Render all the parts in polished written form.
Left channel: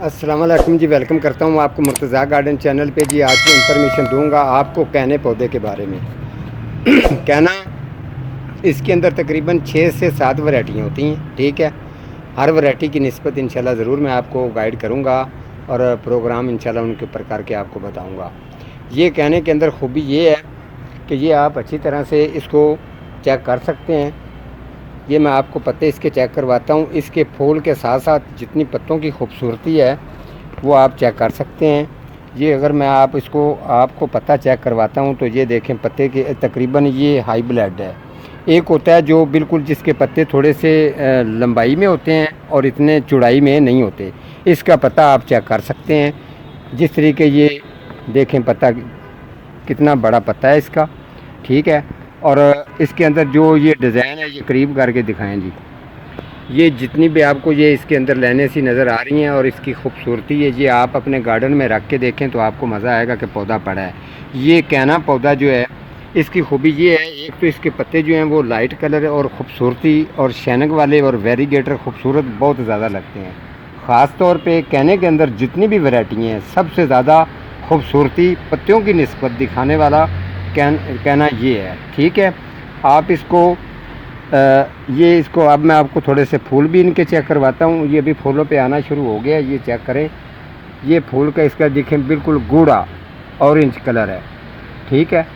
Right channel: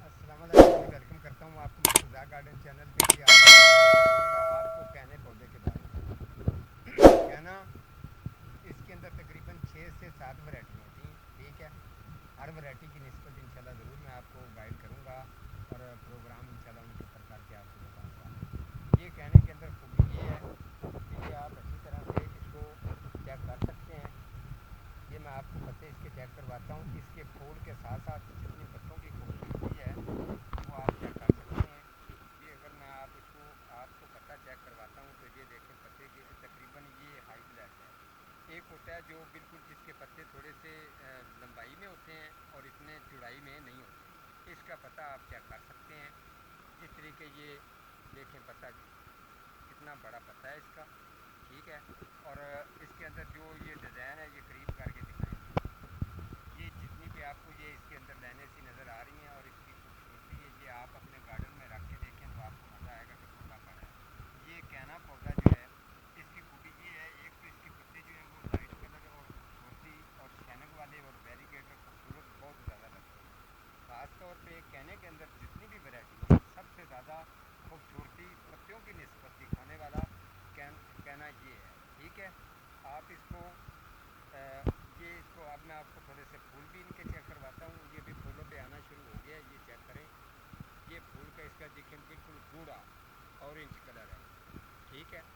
अस्सलाम वालेकुम जी। वेलकम करता हूँ आपको मुर्तज़ा गार्डन चैनल पे जी। आज मैं इंफॉर्मेशन दूंगा आपको कहने पौधे के बारे में। कहना इसके अंदर तकरीबन 6 से 7 वैरायटियाँ होती हैं, ठीक है। हर वैरायटी की निस्बत इंशाल्लाह ज़रूर मैं आपको गाइड करूँगा और प्रोग्राम इंशाल्लाह उनके प्रकार के आपको बताऊँगा। ये कहने के अंदर खूबी ये है कि ये आप अच्छी तरह से इसको चेक कर सकते हैं। ये मैं आपको पत्ते इसके चेक करवाता हूँ। इसके फूल के साथ साथ जितनी पत्तों की खूबसूरती है वो आप चेक कर सकते हैं। ये अगर मैं आपको पत्ता चेक करवाता हूँ तो ये देखें, पत्ते के तकरीबन ये हाई ब्लड है। एक होता है जो बिल्कुल जिसके पत्ते थोड़े से लंबाई में होते हैं और इतने चौड़ाई में नहीं होते। इसका पत्ता आप चेक कर सकते हैं। जिस तरीके ये देखें पत्ता कितना बड़ा पत्ता है इसका, ठीक है। और इसके अंदर जो ये डिज़ाइन है ये करीब करके दिखाएं जी। ये जितनी भी आपको ये इसके अंदर लेने सी नज़र आ रही हैं और इसकी खूबसूरती है, ये आप अपने गार्डन में रख के देखें तो आपको मज़ा आएगा कि पौधा पड़ा है। ये कहना पौधा जो है इसकी खूबी ये है, एक तो इसके पत्ते जो हैं वो लाइट कलर और ख़ूबसूरती और शैनक वाले और वेरीगेटर खूबसूरत बहुत ज़्यादा लगते हैं। ख़ास तौर पे कहने के अंदर जितनी भी वैरायटी हैं सबसे ज़्यादा खूबसूरती पत्तियों की निस्बत दिखाने वाला कहना ये है, ठीक है। आप इसको ये इसको अब मैं आपको थोड़े से फूल भी इनके चेक करवाता हूँ। ये भी फूलों पे आना शुरू हो गया, ये चेक करें। ये फूल का इसका देखें बिल्कुल गूढ़ा ऑरेंज कलर है, ठीक है।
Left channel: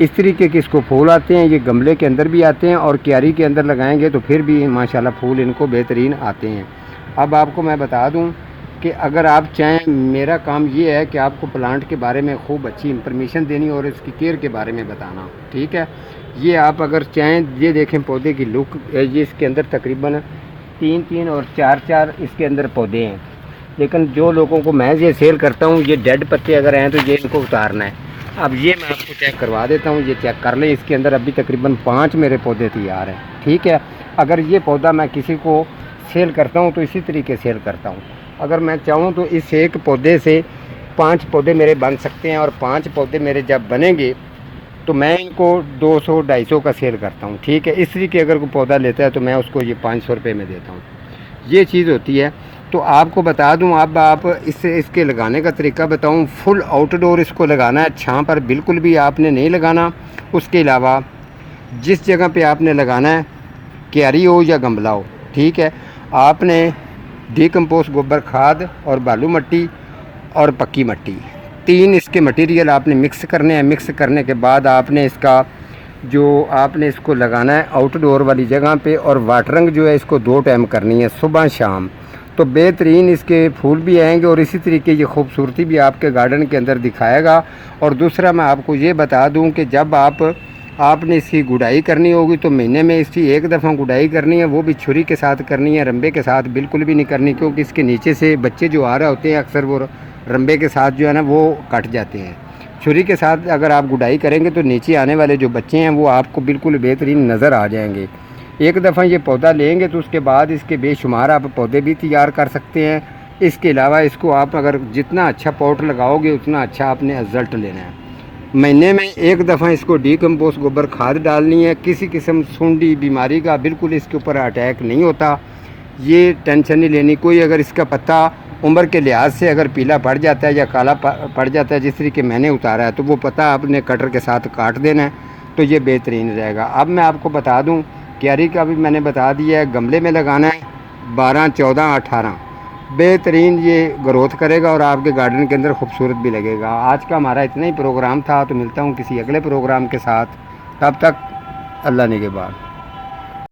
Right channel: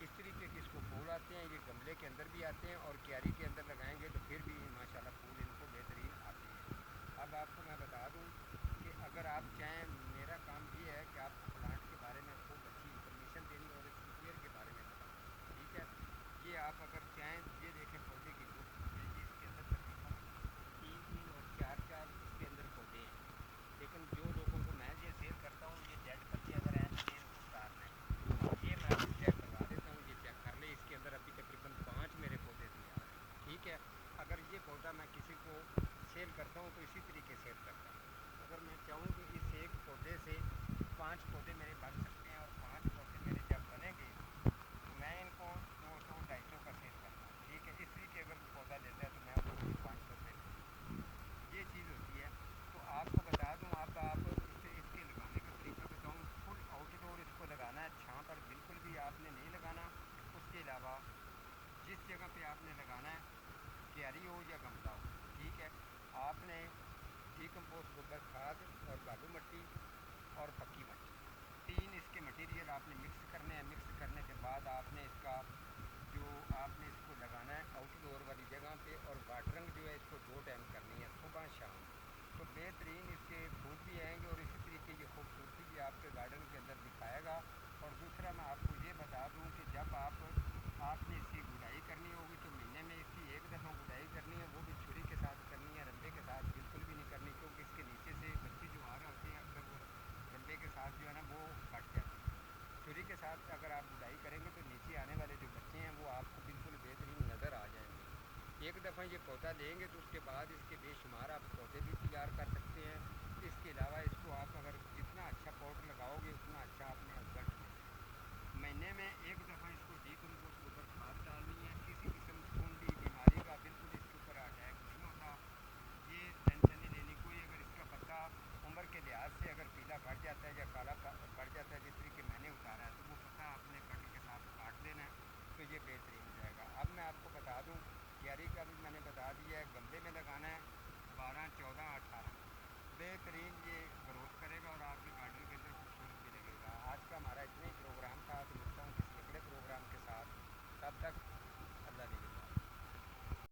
इस तरीके के इसको फूल आते हैं। ये गमले के अंदर भी आते हैं और क्यारी के अंदर लगाएंगे तो फिर भी माशाल्लाह फूल इनको बेहतरीन आते हैं। अब आपको मैं बता दूं कि अगर आप चाहें, मेरा काम ये है कि आपको प्लांट के बारे में खूब अच्छी इंफॉर्मेशन देनी और इसकी केयर के बारे में बताना, ठीक है। ये आप अगर चाहें, ये देखें पौधे की लुक, ये इसके अंदर तकरीबन 3-3 और 4-4 इसके अंदर पौधे हैं। लेकिन जो लोगों को मैं ये सेल करता हूँ, ये डेड पत्ते अगर हैं तो ये इनको उतारना है। अब ये मैं आपको चेक करवा देता हूँ, ये चेक कर लें। इसके अंदर अभी तकरीबन 5 मेरे पौधे तैयार हैं, ठीक है। अगर ये पौधा मैं किसी को सेल करता हूँ तो इसी तरीके सेल करता हूँ। अगर मैं चाहूँ तो इस एक पौधे से 5 पौधे मेरे बन सकते हैं और 5 पौधे मेरे जब बनेंगे तो मैं इनको 200-250 का सेल करता हूँ, ठीक है। इस तरीके अगर कोई पौधा लेता है तो मैं उसको ये 500 रुपये में देता हूँ। ये चीज़ होती है। तो आपको बता दूं, अब आप इसके लगाने का तरीका बताऊं। फुल आउटडोर इसको लगाना है, छांव पर बिल्कुल भी आपने नहीं लगाना। उसके अलावा जिस जगह पे आपने लगाना है, क्यारी हो या गमला हो, ठीक है, आपने डिकम्पोस्ट गोबर खाद और बालू मिट्टी और पक्की मिट्टी, 3 इसके मटेरियल आपने मिक्स करने हैं। मिक्स करने के बाद आपने इसको लगाना है आउटडोर वाली जगह पे। और वाटरिंग जो है इसको 2 टाइम करनी है, सुबह शाम। तो बेहतरीन इसके फूल भी आएंगे और इसी तरीके की खूबसूरती भी आपके गार्डन के अंदर दिखाएगा। और दूसरा मैं आपको ये बता दूं कि जब आपने इसकी गुड़ाई करनी होगी तो महीने में इसकी 1 दफ़ा गुड़ाई करनी है, वो भी छुरी के साथ करनी है, रंबे के साथ बिल्कुल भी नहीं करनी। क्योंकि इसके नीचे से बच्चे जो आ रहे होते हैं अक्सर वो रंबे के साथ जो है ना वो कट जाते हैं। छुरी के साथ अगर आप गुड़ाई करेंगे तो नीचे आने वाले जो बच्चे हैं वो आपको बिल्कुल बेहतरीन नज़र आ जाएंगे। एक दफ़ा ये पौधा लेंगे तो उसके बाद इसके बेशुमार आप पौधे भी तैयार कर सकते हैं। इसके अलावा इसको आप अगर जितना अच्छा पॉट लगाओगे उतना अच्छा आपने रिज़ल्ट लेना है। महीने में 1 दफ़ा इसको डिकम्पोस्ट गोबर खाद डालनी है। किसी किस्म सूंडी बीमारी का बिल्कुल इसके ऊपर अटैक नहीं होता, ये टेंशन नहीं लेनी कोई। अगर इसका पत्ता उम्र के लिहाज से अगर पीला पड़ जाता है या काला पड़ जाता है, जिस तरीके मैंने उतारा है, तो वो पत्ता आपने कटर के साथ काट देना है, तो ये बेहतरीन रहेगा। अब मैं आपको बता दूं, क्यारी का भी मैंने बता दिया है। गमले में लगाना है 12, 14, 18, बेहतरीन ये ग्रोथ करेगा और आपके गार्डन के अंदर खूबसूरत भी लगेगा। आज का हमारा इतना ही प्रोग्राम था, तो मिलता हूँ किसी अगले प्रोग्राम के साथ। तब तक अल्लाह निगहबान।